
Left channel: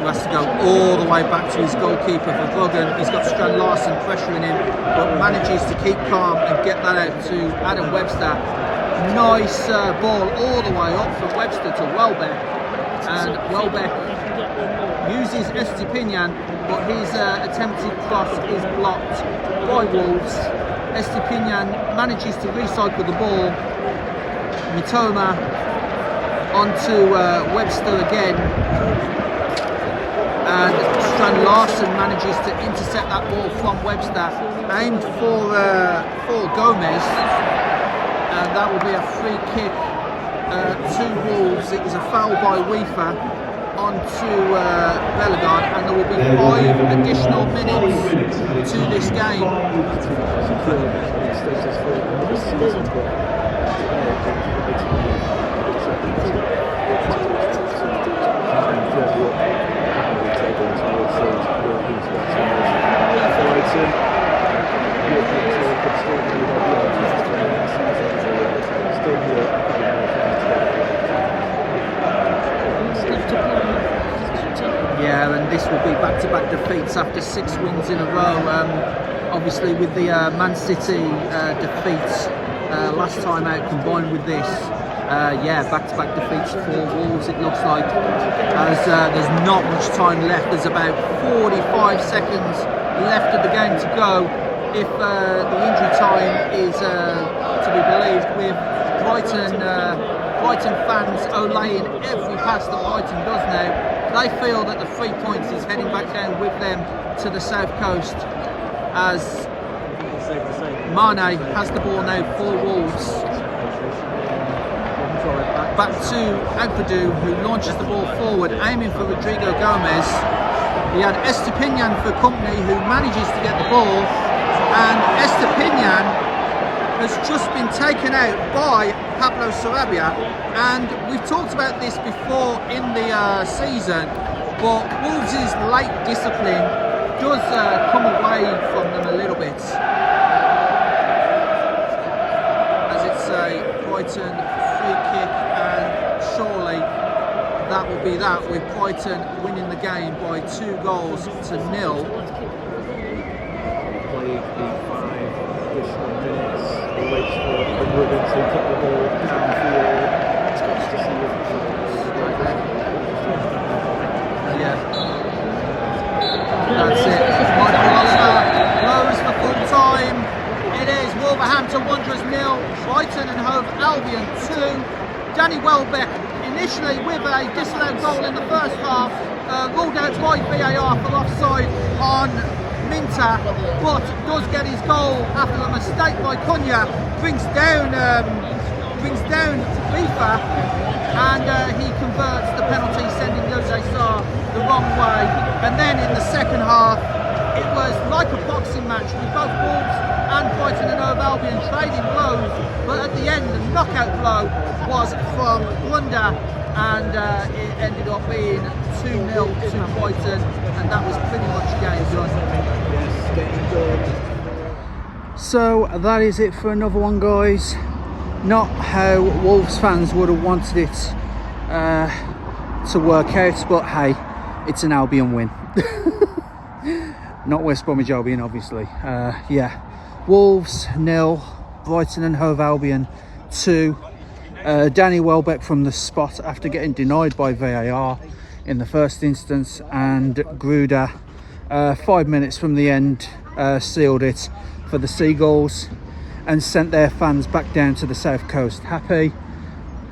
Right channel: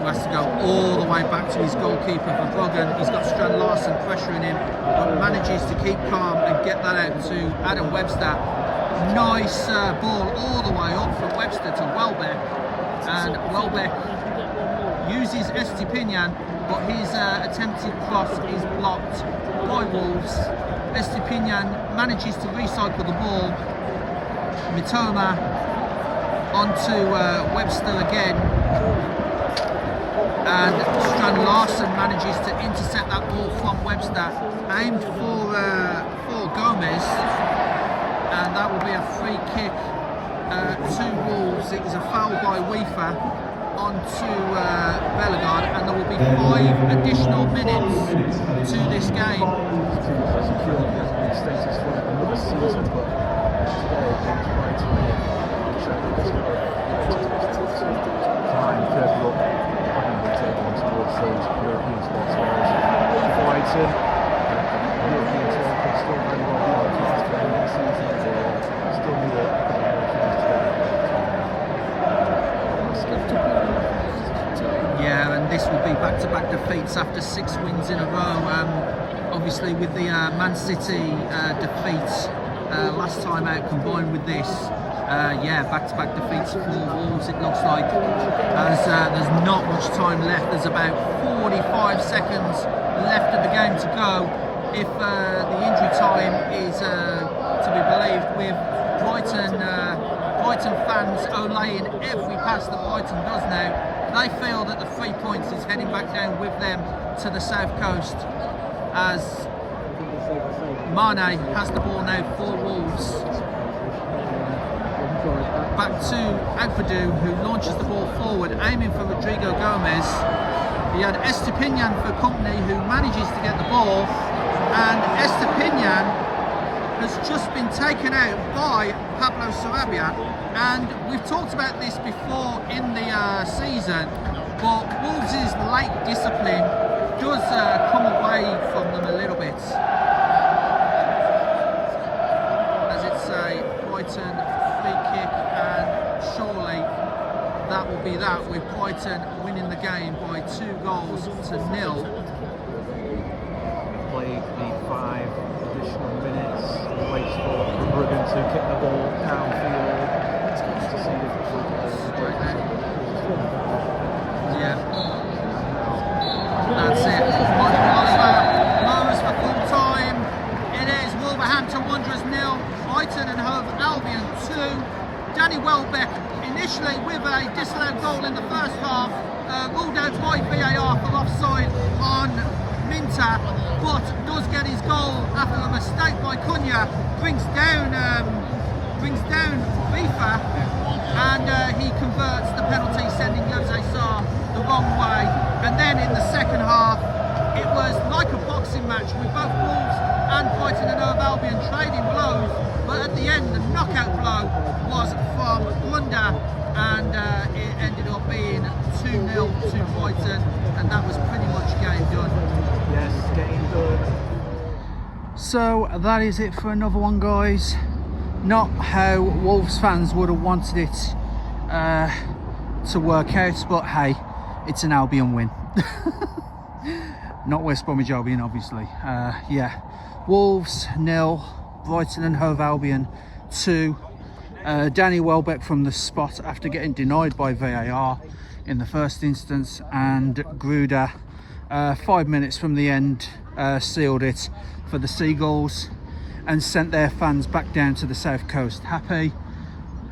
who has to go all the way back to his goalkeeper for Verbruggen. He's got Strand Larsen pressuring him, but manages to keep calm and get that out to Adam Webster. Nice ball all the way up from Webster to Welbeck, and Welbeck uses Estepinian, but his attempted cross is blocked by Wolves. Estepinian manages to recycle the ball. Mitoma onto Webster again, and Strand Larsen manages to intercept that ball from Webster, aimed for Gomez, and that will be a free kick to Wolves. It was a foul by Weaver onto Bellegarde, and there will be 5 additional minutes to this game. Yeah, and this will be back-to-back defeats after 6 wins in a row. Obviously with the Man City defeats last time out combined with this, yeah, back-to-back defeats for Wolves it looks like, as there's not much time left. There's about 45 seconds left of the game to go if the injury time is to be believed, with Brighton fans olaying every pass that Brighton does now. They feel that the 3 points is heading back down with them to the south coast, as Mane has the ball now for Wolves. Back to Ampadu, who launches the ball forward, aiming for Rodrigo Gomez. He had Estepinian for company, who manages to get the ball, and Estepinian has just been taken out by Pablo Sarabia. And we've talked about this before in the season, but Wolves' late discipline does come away from them a little bit. As it's a Brighton free kick, and surely that will be that, with Brighton winning the game by 2 goals to 0. Played the 5 additional minutes. He waits for Wigan to kick the ball downfield. It's nice to see Right there. Yeah. That's it. Michael Oliver blows for full time. It is Wolverhampton Wanderers 0, Brighton and Hove Albion 2. Danny Welbeck, initially with a disallowed goal in the first half, ruled out by VAR for offside on Minter, but does get his goal after a mistake by Cunha, brings down FIFA, and he converts the penalty, sending Jose Sarr the wrong way. And then in the second half, it was like a boxing match with both Wolves and Brighton and Hove Albion trading blows, but at the end, the knockout blow was from Blunder, and it ended up being 2-0 to Brighton, and that was pretty much game done. So that is it for another one, guys. Not how Wolves fans would have wanted it to work out, but hey, it's an Albion win. Not West Bromwich Albion, obviously. Yeah, Wolves 0, Brighton and Hove Albion 2. Danny Welbeck from the spot after getting denied by VAR in the first instance, and Gruder 5 minutes from the end sealed it for the Seagulls and sent their fans back down to the south coast happy.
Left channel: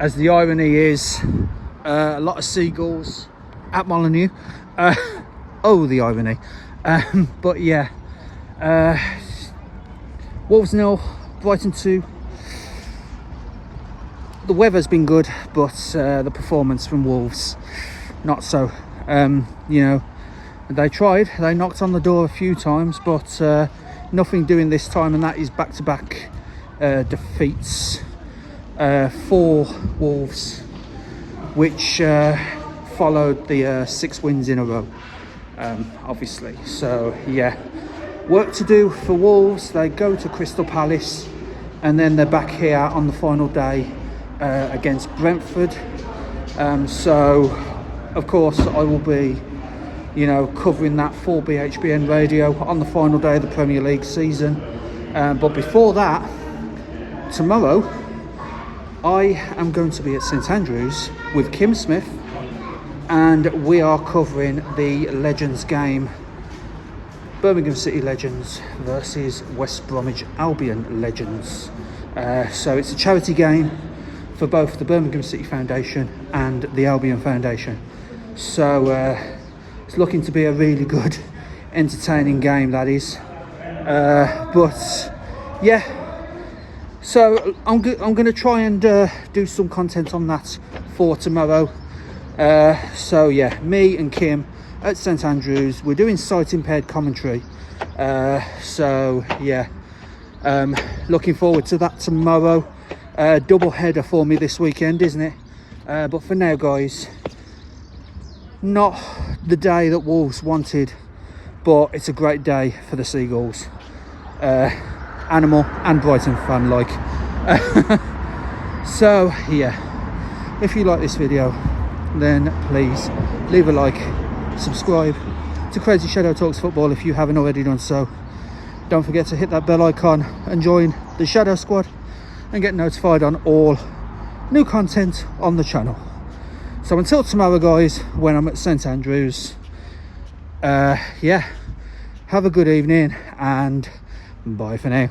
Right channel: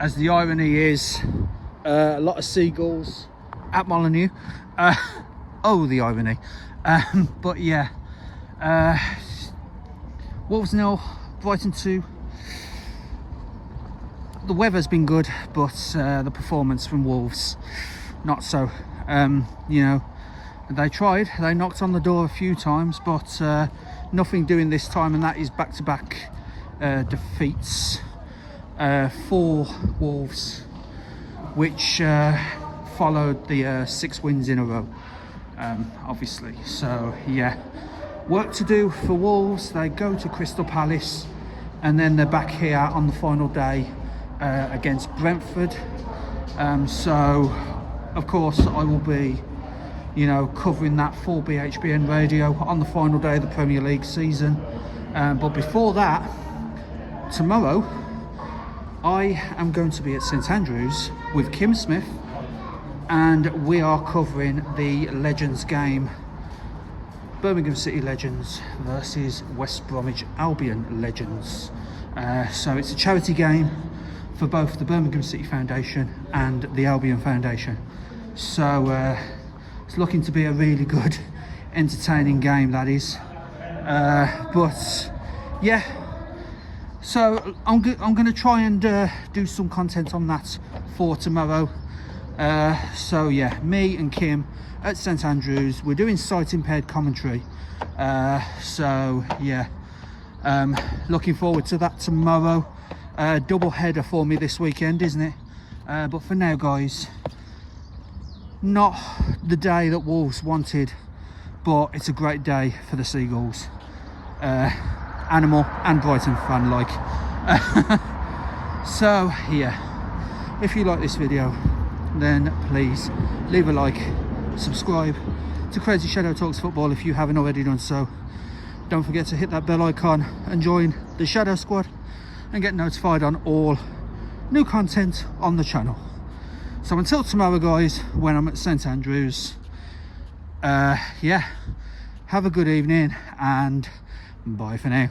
As the irony is, a lot of Seagulls at Molineux. Oh, the irony. But yeah, Wolves 0, Brighton 2. The weather's been good, but the performance from Wolves, not so. You know, they tried, they knocked on the door a few times, but nothing doing this time, and that is back-to-back defeats for Wolves, which followed the 6 wins in a row, obviously. So yeah, work to do for Wolves. They go to Crystal Palace, and then they're back here on the final day against Brentford. So of course I will be, you know, covering that for BHBN Radio on the final day of the Premier League season. But before that, tomorrow I am going to be at St Andrews with Kim Smith, and we are covering the Legends game, Birmingham City Legends versus West Bromwich Albion Legends. So it's a charity game for both the Birmingham City Foundation and the Albion Foundation. So it's looking to be a really good, entertaining game, that is. But yeah, so I'm going to try and do some content on that for tomorrow. So yeah, me and Kim at St Andrews, we're doing sight impaired commentary. So yeah, looking forward to that tomorrow. Double header for me this weekend, isn't it? But for now, guys, not the day that Wolves wanted, but it's a great day for the Seagulls. Animal and Brighton fan like. So yeah, if you like this video, then please leave a like, subscribe to Crazyshadow Talks Football if you haven't already done so. Don't forget to hit that bell icon and join the Shadow Squad and get notified on all new content on the channel. So until tomorrow, guys, when I'm at St Andrews, yeah, have a good evening and bye for now.